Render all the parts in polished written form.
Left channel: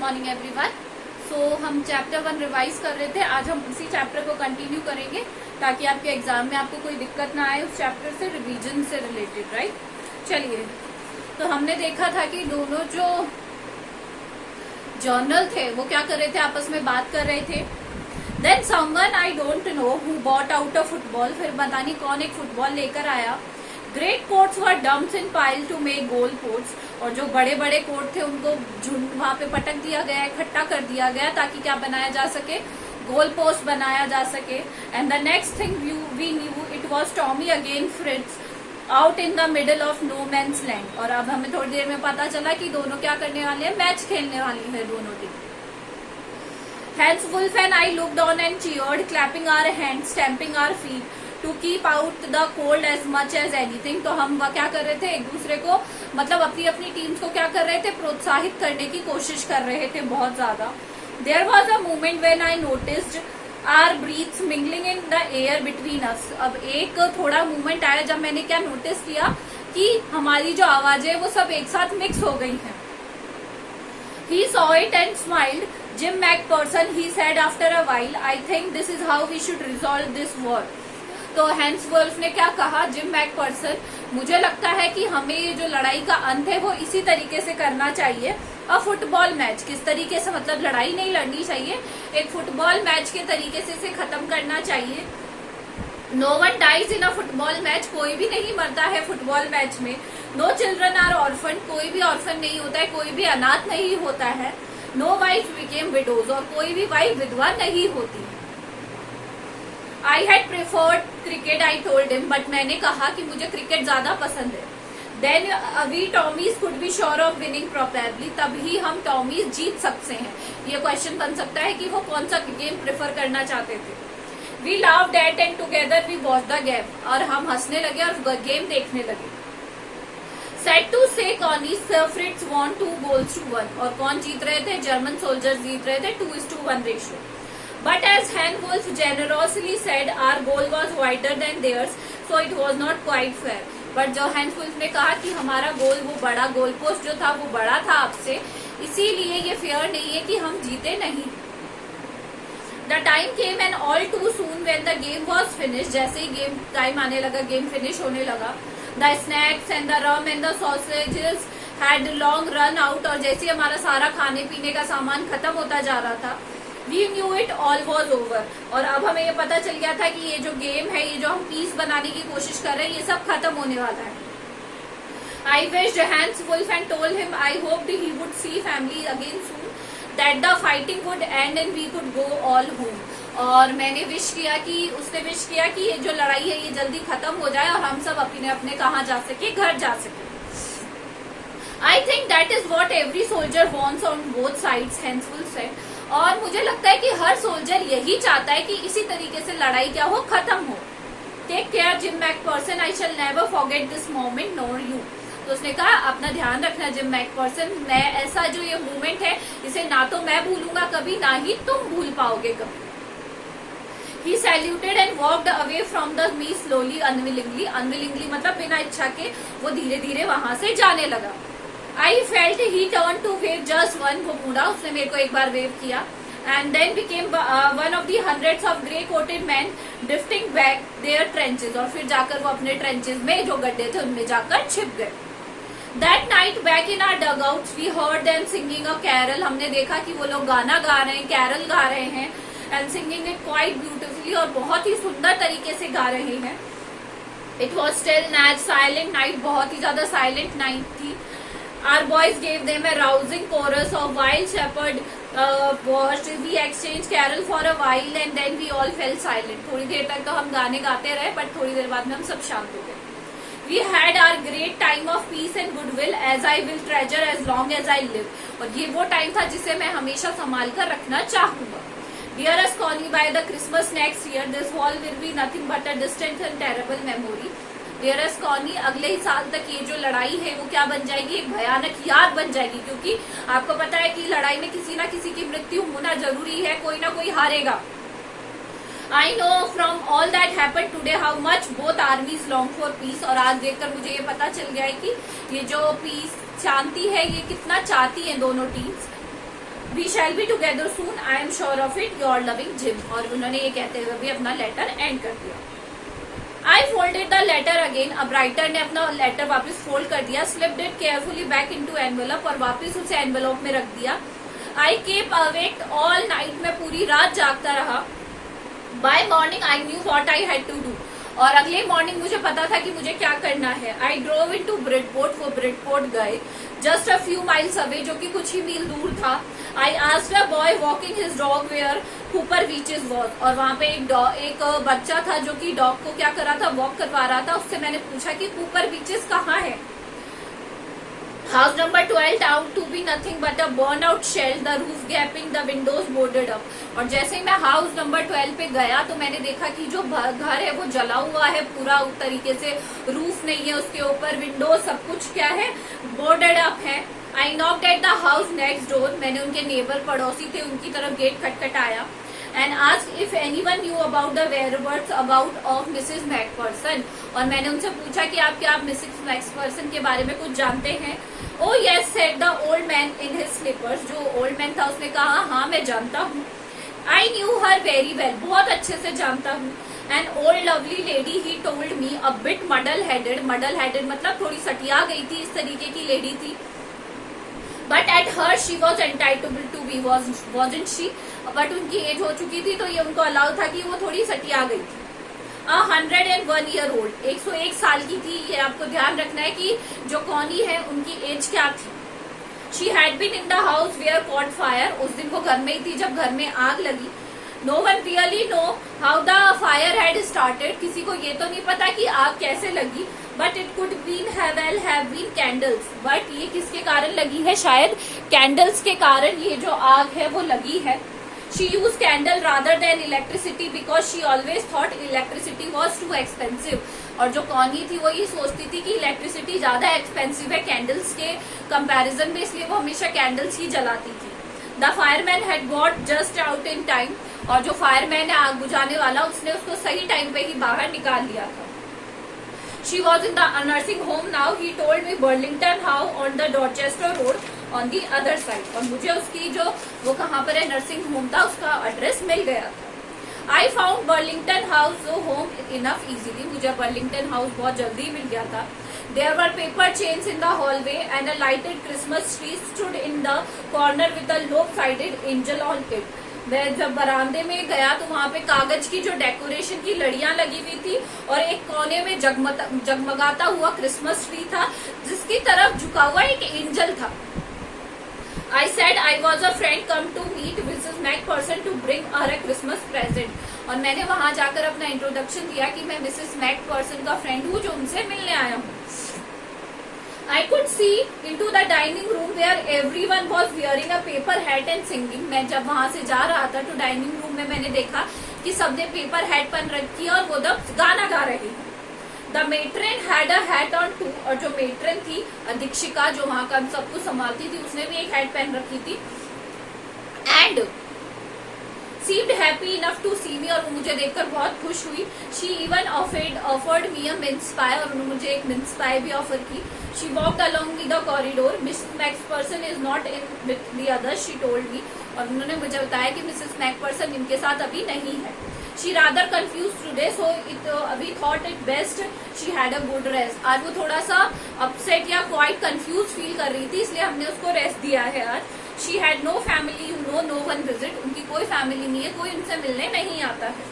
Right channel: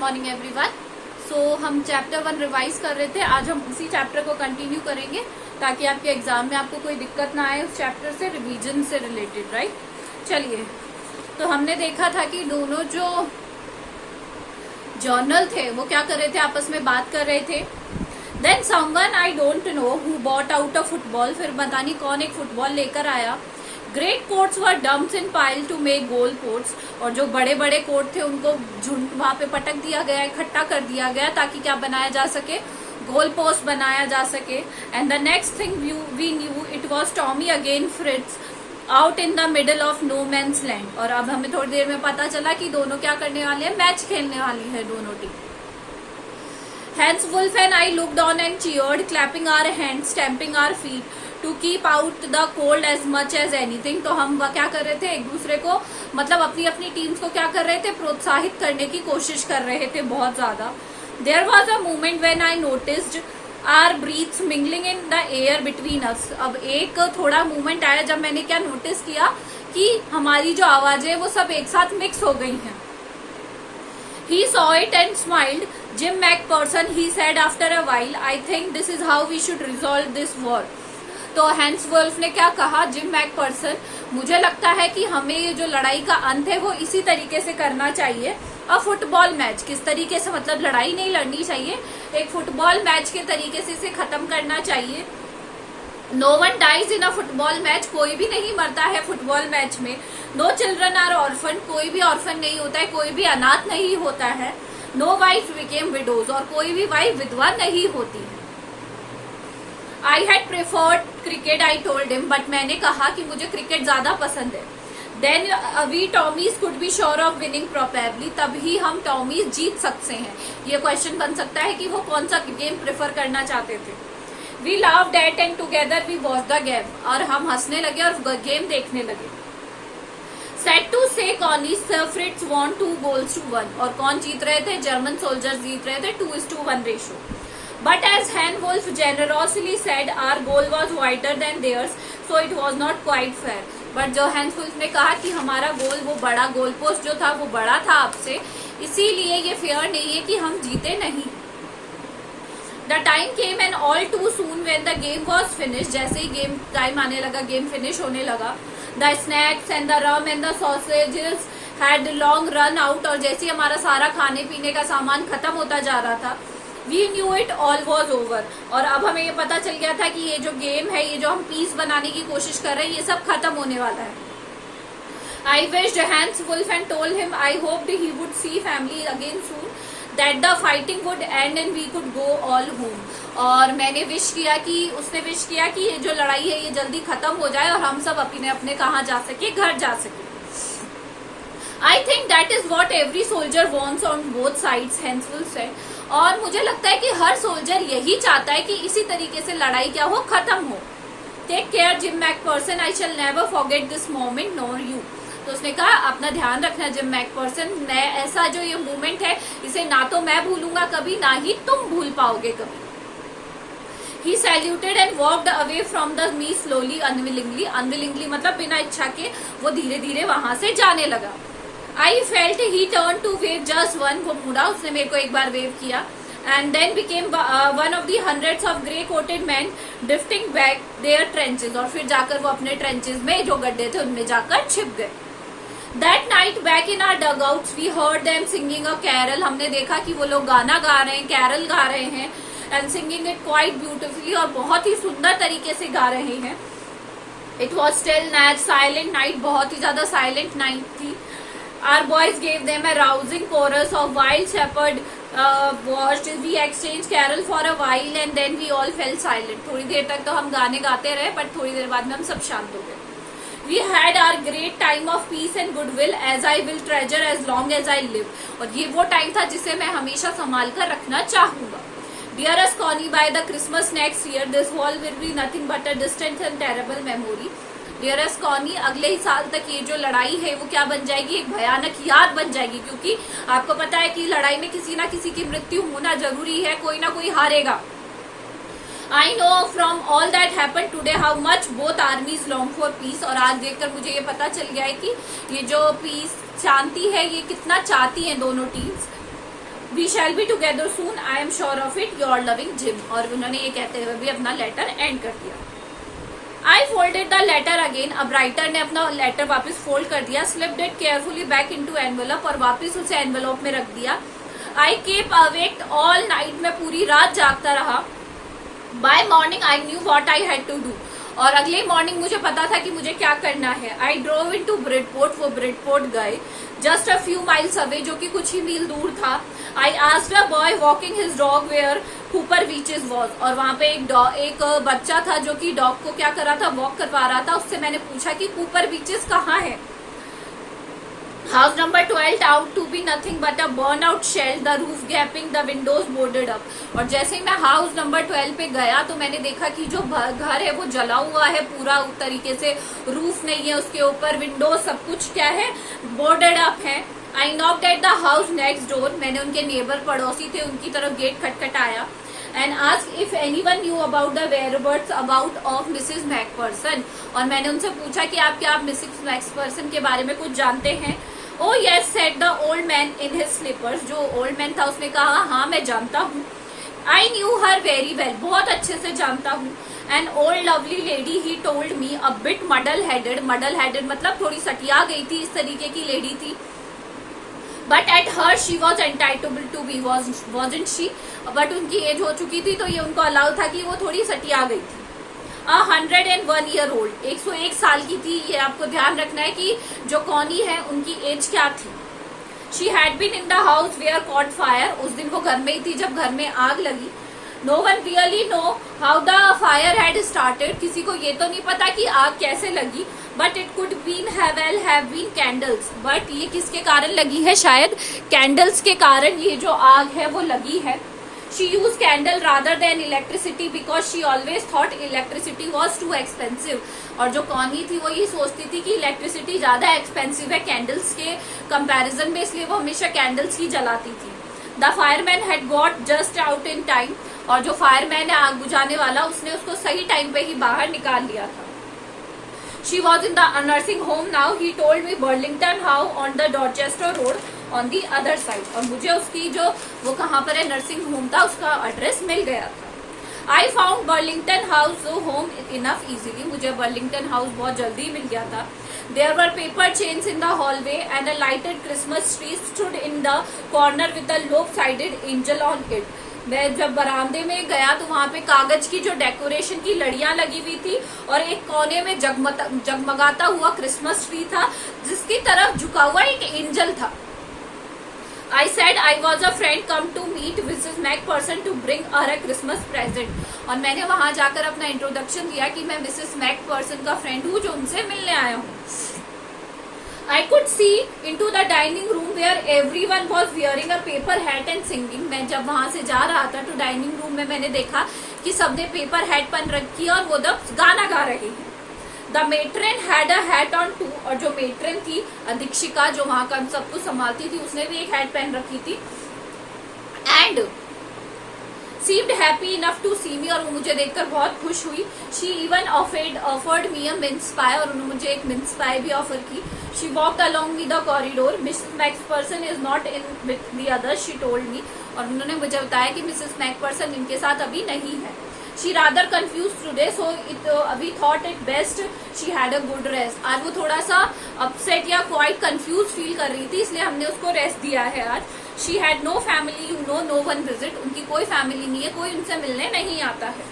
Morning everyone. सो हम chapter 1 revise कर रहे थे। आज हम उसी चैप्टर को कंटिन्यू करेंगे ताकि आपके एग्जाम में आपको कोई दिक्कत ना आए उस चैप्टर से, रिवीजन से रिलेटेड, राइट। चलिए, तो हमने देखा था कि दोनों जो जर्नल थे वो क्या कर रहे थे, आपस में बात कर रहे थे। Then someone I don't know who bought out a football, फिर पता नहीं कौन एक फुटबॉल लेकर आया। Great coats were dumped in pile to make goal post, और जो बड़े बड़े कोट थे उनको झुंड वहां पे पटक दिया गया, इकट्ठा कर दिया गया ताकि क्या बनाया जा सके, गोल पोस्ट बनाया जा सके। And the next thing we knew it was Tommy again Fritz out in the middle of no man's land. और अब हमें थोड़ी देर में पता चला कि दोनों क्या करने वाले हैं, मैच खेलने वाली है दोनों team. Hans Wolf and I looked on and cheered, clapping our hands, stamping our feet to keep out the cold as much as anything। तो हम क्या कर रहे थे, एक दूसरे को मतलब अपनी अपनी टीम्स को क्या कर रहे थे, प्रोत्साहित करने की कोशिश कर रहे थे बहुत ज्यादा। There was a moment when I noticed our breaths mingling in the air between us। अब एक थोड़ा मोमेंट आया जब मैंने क्या नोटिस किया कि हमारी जो आवाजें वो सब एक साथ मिक्स हो गई हैं। He saw it and smiled. Jim McPherson, he said after a while, I think this is how we should resolve this war। तो हैंस वुल्फ ने क्या कहा, जिम मैकपर्सन, मुझे लगता है कि हमें ये जो लड़ाई का अंत है वो इसी तरीके से करना चाहिए। अ फुटबॉल मैच, किस तरीके से, मतलब लड़ाई नहीं लड़नी चाहिए, एक फुटबॉल मैच के तरीके से इसे खत्म करना चाहिए। No one dies in a football match, कोई भी नहीं मरता है फुटबॉल मैच में। नो चिल्ड्रन आर ऑर्फन, कोई भी ऑर्फन नहीं होता है, कोई भी अनाथ नहीं होता है। नो वाइफ बिकेम विडोज, और कोई भी वाइफ विधवा नहीं होती। I had preferred cricket, I told him, but मैंने कहा कि मुझे क्रिकेट ज्यादा पसंद है। Then we Tommies could be sure of winning probably, तभी हम टॉमीज जीत सकते हैं। ये क्वेश्चन बन सकता है कि वो कौन सा गेम प्रेफर करना चाहते थे। We loved at and together we watch the game, और हम हंसने लगे और गेम देखने लगे। सेड टू से कॉनिस फ्रिट्ज वॉन 2 goals to 1, और कौन जीत रहे थे, जर्मन सोल्जर्स जीत रहे थे 2:1 ratio. But as Hans Wolf generously said our goal was wider than theirs, so it was not quite fair. But जो हैंस वुल्फ ने कहा कि हमारा गोल, वो बड़ा गोल पोस्ट जो था वो बड़ा था आपसे, इसीलिए ये फेयर नहीं है कि हम जीते नहीं। The time came and all too soon when the game was finish, जैसे ही गेम टाइम आने लगा, गेम फिनिश होने लगा। The snacks and the rum and the sausages had long run out, और जैसे ही हमारा सारा खाने पीने का सामान खत्म होता जा रहा था, we knew it all was over, और अब हमें ये पता चल गया था कि ये जो गेम है, ये जो हम पीस बनाने की कोशिश कर रहे हैं, ये सब खत्म होने वाला है। I wished Hans Wolf and told him I hoped he would see family again soon, that the fighting would end and we could go all home। और मैंने विश किया कि, उसने विश किया कि ये जो लड़ाई है ये जल्दी खत्म हो जाए और हम सब अपने अपने कहाँ जा सके, घर जा सके। I think that is what every soldier wants on both sides, Hans Wolf said। और मुझे लगता है कि हर सोल्जर यही चाहता है कि इसी तरीके से लड़ाई क्या हो, खत्म हो। Take care Jim McPherson, I shall never forget this moment nor you. तो उसने कहा अपना ध्यान रखना जिम मैकपर्सन, मैं ऐसा जो ये मोमेंट है इसे ना तो मैं भूलूंगा कभी, ना ही तुम भूल पाओगे कभी। He saluted and walked away from the me slowly, unwillingly। unwillingly मतलब बिना इच्छा के वो धीरे धीरे वहां से जाने लगा। I felt he turned to wave just one, वो मुड़ा, उसने मेरे को एक बार वेव किया। And then became one of the hundreds of grey coated men drifting back their trenches, और फिर जाकर वो अपने ट्रेंचेस में जो गड्ढे थे उनमें जाकर छिप गए। That night back in our dugouts we heard them singing a carol, हमने देखा कि वो लोग गाना गा रहे हैं, कैरल गा रहे हैं, and singing it quite beautifully, और बहुत ही सुंदर तरीके से गा रहे हैं। It was still night, silent night, बहुत ही ज्यादा silent night थी। Our boys gave them a rousing chorus of wild shepherd watched, we exchanged carol for a while and then we all fell silent। थोड़ी देर तक तो हम गाने गाते रहे, पर थोड़ी देर बाद में हम सब शांत हो गए। We had our great time of peace and goodwill, as I will treasure as long as I live। और ये वो टाइम था जिसे मैं हमेशा संभाल कर रखना चाहूंगा। Dearest Connie, by the Christmas next year, this wall will be nothing but a distant and terrible memory। Dearest Connie, अगले ही साल तक ये जो लड़ाई है वो क्या बन जाएगी, एक भयानक याद बन जाएगी, क्योंकि आपको पता है कि लड़ाई में किसी ना किसी की मृत्यु होना जरूरी है, कोई ना कोई हारेगा। I know from all that happened today how much both armies long for peace। और आज देखकर मुझे ये पता चल गया है कि ये जो पीस, शांति है, ये कितना चाहती हैं दोनों teams. We shall be together soon, I am sure of it, your loving Jim. और उन्होंने ये कहते हुए भी अपना लेटर एंड कर दिया। I folded the letter again, अब राइटर ने अपना लेटर वापस फोल्ड कर दिया, slipped it carefully back into envelope, और वापस उसे एनवेलप में रख दिया। I kept awake all night, मैं पूरी रात जागता रहा। By morning I knew what I had to do, और अगले मॉर्निंग मुझे पता था कि मुझे क्या करना है। आई ड्रोव इनटू ब्रिडपोर्ट, वो ब्रिडपोर्ट गए, just a few miles away, जो कि कुछ ही मील दूर था। I asked a boy walking his dog where Cooper Beeches was, और वहां पे एक बच्चा था जो कि डॉग को क्या कर रहा था, वॉक करवा रहा था। उससे मैंने पूछा कि कूपर बीचेस कहाँ है। House number 12 turned to be nothing but a burn out shell, the roof gaping, the windows boarded up. और जैसे ही मैं हाउस नंबर 12 पे गया तो मैंने देखा कि जो घर है वो जला हुआ है पूरा तरीके से, रूफ नहीं है उसके ऊपर, विंडोज सब कुछ क्या है, बोर्डेड अप है। I knocked at the house next door, मैंने उनके नेबर पड़ोसी थे उनकी तरफ गेट खटखटाया। And asked if anyone knew about the whereabouts about of Mrs McPherson, और मैंने उनसे पूछा कि आप क्या मिसेस मैकपर्सन के बारे में कुछ जानते हैं। Oh yes said the old man in his slippers, जो ओल्ड मैन था उसने कहा हाँ मैं जानता हूँ। I knew her very well, बहुत अच्छे से जानता हूँ। An old lovely lady he told me, a bit muddle headed, muddle headed मतलब थोड़ी सटिया गई थी, इस तरीके की लेडी थी। But at her she was entitled to be, wasn't she, but उनकी एज हो चुकी थी तो ये उनको अलाउ था कि वो थोड़ी सटिया गई थी। 101 ईयर ओल्ड, 101 साल की थी। ये आपको ध्यान रखना है कि जो कौनी है उनकी एज क्या थी। She had been in the house where caught fire, उस दिन वो घर में ही थी जब घर में आग लगी। No one really know how the fire had started, किसी को ये तो नहीं पता कि आग कैसे लगी। But it could been have been candles, but ये किसके कारण लगी है, शायद कैंडल्स के कारण ये जो आग है वो लगी है। She used candle rather than electricity because she always thought electricity was too expensive, और जो कौनी थी वो ये सोचती थी कि इलेक्ट्रिसिटी ज्यादा एक्सपेंसिव है कैंडल्स के कंपैरिजन में, इसलिए वो हमेशा कैंडल्स ही जलाती थी। The fireman had got just out in time, और जो फायरमैन है आग बुझाने वाला उसने उसको सही टाइम पे ही बाहर निकाल लिया था। She was in the nursing home now, he told me Burlington House on the Dorchester Road on the other side, और मुझे उसकी जो वो कहाँ पर है नर्सिंग होम था उसका एड्रेस मिल गया। I found Burlington house home enough easily, मुझे बर्लिंगटन हाउस बहुत जल्दी मिल गया था। There were paper chains in the hallway and a lighted Christmas tree stood in the corner with a lopsided angel on it. मैं जब बरामदे में गया तो वहाँ पे कागज की जो डेकोरेशन की लड़ियां लगी हुई थी और एक कोने में जगमगाता हुआ क्रिसमस ट्री था जिसकी तरफ झुका हुआ एक एंजल था। I said I was a friend come to meet Mrs. Macpherson to bring her a Christmas present, और मैंने वहां जाकर अपना इंट्रोडक्शन दिया कि मैं मिसेस मैकपर्सन का फ्रेंड हूँ जो उनसे मिलने आया हूँ। I could see into the dining room where everyone was wearing a paper hat and singing. मैं जब वहां से जा रहा था तो डाइनिंग रूम में मैंने देखा कि सबने पेपर हैट पहन रखी है और वो दब गाना गा रही है। The matron had a hat on too, और जो मेट्रन थी अधीक्षिका जो वहां का सब कुछ संभालती थी उसने भी एक हैट पहन रखी थी। And seemed happy enough to see me, और वो मुझे देखकर बहुत खुश हुई। She even offered me a mince pie, और उन्होंने मुझे एक mince pie भी ऑफर की। She walked along with the corridor. Mrs. Macpherson is not in with the others, she told me, और उन्होंने मुझे बताया कि मिसेस मैकपर्सन इनके साथ अभी नहीं है। She rather confused today, so we thought it best she had a good rest. आज वो थोड़ा सा upset या quite confused फील कर रही थी, इसलिए हमने उसको रेस्ट दिया है आज। She had no family, no one visit. उनकी कोई फैमिली नहीं है, कोई उनसे मिलने नहीं आता है।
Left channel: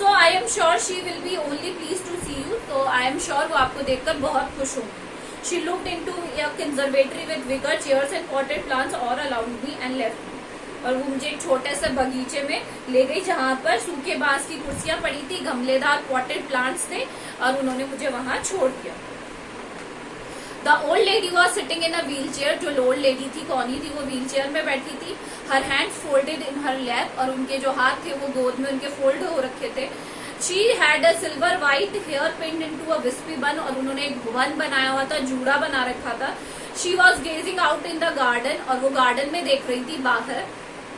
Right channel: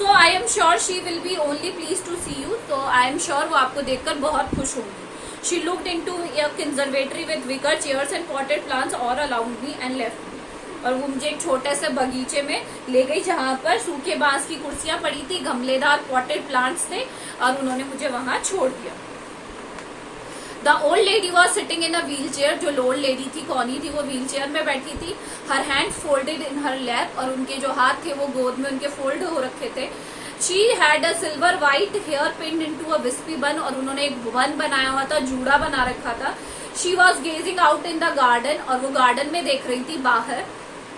So I am sure she will be only pleased to see you. तो I am sure वो आपको देखकर बहुत खुश होंगी। She looked into a conservatory with wicker chairs and potted plants all around me and left me. और वो मुझे एक छोटे से बगीचे में ले गई जहाँ पर सूखे बांस की कुर्सियां पड़ी थी, गमलेदार पॉटेड प्लांट्स थे, और उन्होंने मुझे वहां छोड़ दिया। The old lady was sitting in a wheel chair, जो ओल्ड लेडी थी कौनी थी वो व्हील चेयर में बैठी थी। हर हैंड्स फोल्डेड इन हर लैप, और उनके जो हाथ थे वो गोद में उनके फोल्ड हो रखे थे। She had a silver white hair pinned into a wispy bun, और उन्होंने एक बन बनाया हुआ था, जूड़ा बना रखा था। She was gazing out in the garden, और वो गार्डन में देख रही थी बाहर।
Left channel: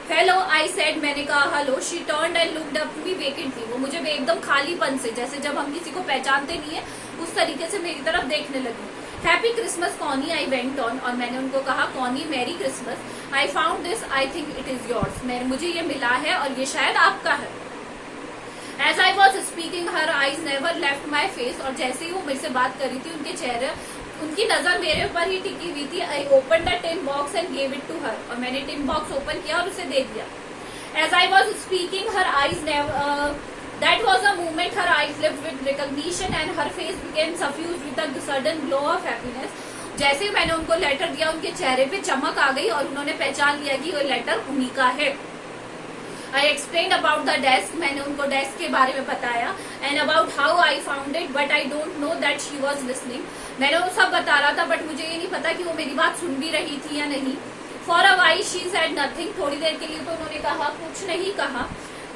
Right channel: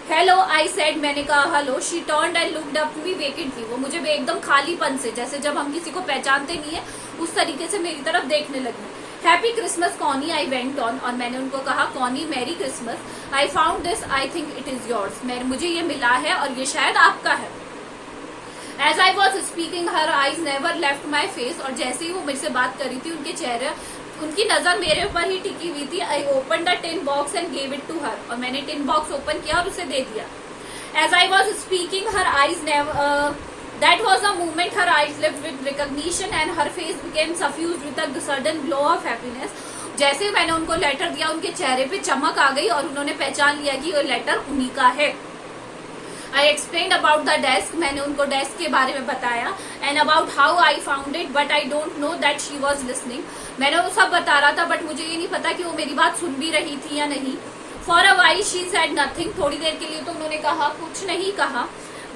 हेलो आई सेड, मैंने कहा hello. She turned and looked up me vacantly, वो मुझे एकदम खालीपन से, जैसे जब हम किसी को पहचानते नहीं है उस तरीके से मेरी तरफ देखने लगी। Happy Christmas Connie, I went on, और मैंने उनको कहा Connie merry Christmas, I found this, I think it is yours, मुझे ये मिला है और ये शायद आपका है। As I was speaking her eyes never left my face, और जैसे ही वो मेरे से बात कर रही थी उनके चेहरे, उनकी नजर मेरे ऊपर ही टिकी हुई थी। I open the tin box and gave it to her, और मैंने टिन बॉक्स ओपन किया और उसे दे दिया। As I was speaking her eyes never, that was a moment her eyes lit with recognition and her face became suffused with a sudden glow of happiness. जैसे मैंने उनको लेटर दिया उनके चेहरे पे चमक आ गई और उन्होंने पहचान लिया कि वो लेटर उन्हीं का है। I explained about the desk, मैंने उनको डेस्क के बारे में बताया, and about how I found it, but I don't know that she was listening. मैंने वो सब बता रहा था बट मुझे ये नहीं पता कि वो मेरी बात सुन भी रही थी या नहीं। For a while she said nothing, थोड़ी देर के लिए तो उन्होंने कहा कुछ नहीं कहा,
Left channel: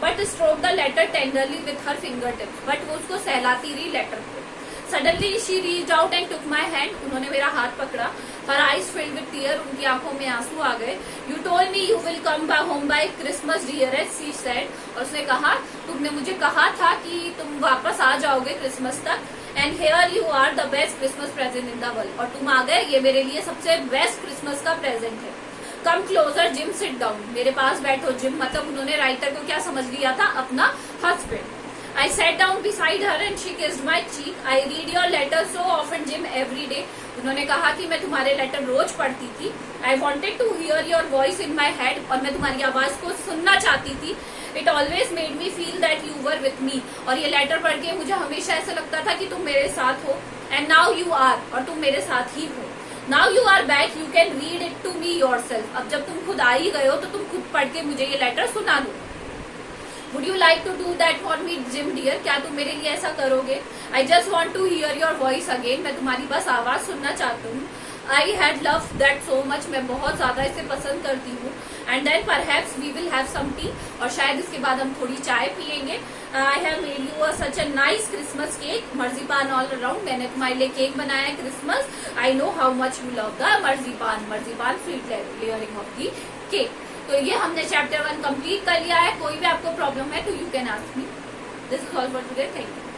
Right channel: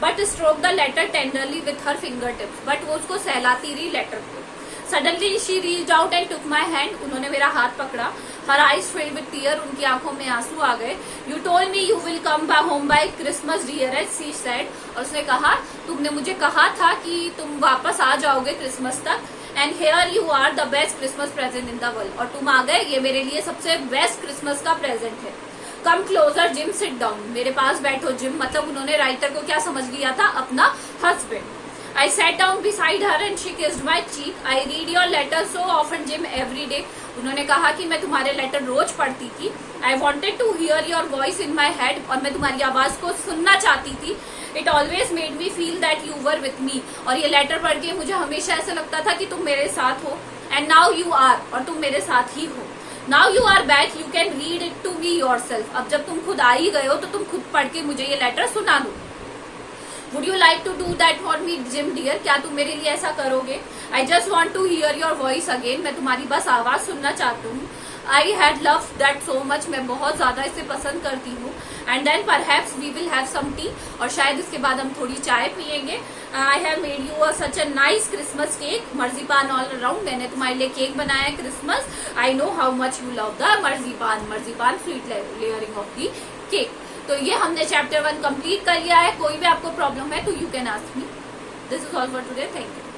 but stroke the letter tenderly with her finger tips, but वो उसको सहलाती रही लेटर को। Suddenly she reached out and took my hand, उन्होंने मेरा हाथ पकड़ा। Her eyes filled with tear, उनकी आंखों में आंसू आ गए। You told me you will come by home by Christmas dearest, she said, और उसने कहा तुमने मुझे कहा था कि तुम वापस आ जाओगे क्रिसमस तक, and here you are the best Christmas present in the world, और तुम आ गए, ये मेरे लिए सबसे बेस्ट क्रिसमस का प्रेजेंट है। Come closer gym, sit down, मेरे पास बैठो जिम, मतलब उन्होंने राइटर को क्या समझ लिया था, अपना husband. I sat down beside her and she kissed my cheek, I read your letter so often Jim every day, उन्होंने कहा कि मैं तुम्हारे लेटर रोज पढ़ती थी। I wanted to hear your voice in my head, और मैं तुम्हारी आवाज को सुनना चाहती थी। It always made me feel that you were with me, और ये लेटर पढ़ के मुझे हमेशा ऐसा लगता था कि तुम मेरे साथ हो, एंड नाउ यू आर, और तुम मेरे साथ ही हो। Now you are back, you can read it to me yourself, अब जब तुम खुद आ ही गए हो तो तुम खुद पढ़ के मुझे ये लेटर सुना दो। Would you like to do that for me Jim dear, क्या तुम मेरे लिए ऐसा करोगे? I just want to hear your voice again, मैं तुम्हारी बस आवाज सुनना चाहती हूँ। I had love that so much, मैं बहुत ज्यादा इसे पसंद करती हूँ। And then perhaps we will have some tea, और शायद इसके बाद हम थोड़ी चाय पियेंगे। I have made you such a nice Christmas cake, marzipan all around, मैंने तुम्हारे लिए केक बनाया है Christmas. I know how much you love the marzipan fleet layering of the cake. तो ये हमने चैप्टर 1 कंप्लीट कर लिया है। कोई भी आपको प्रॉब्लम है तो you can ask me. This is all for today, thank you.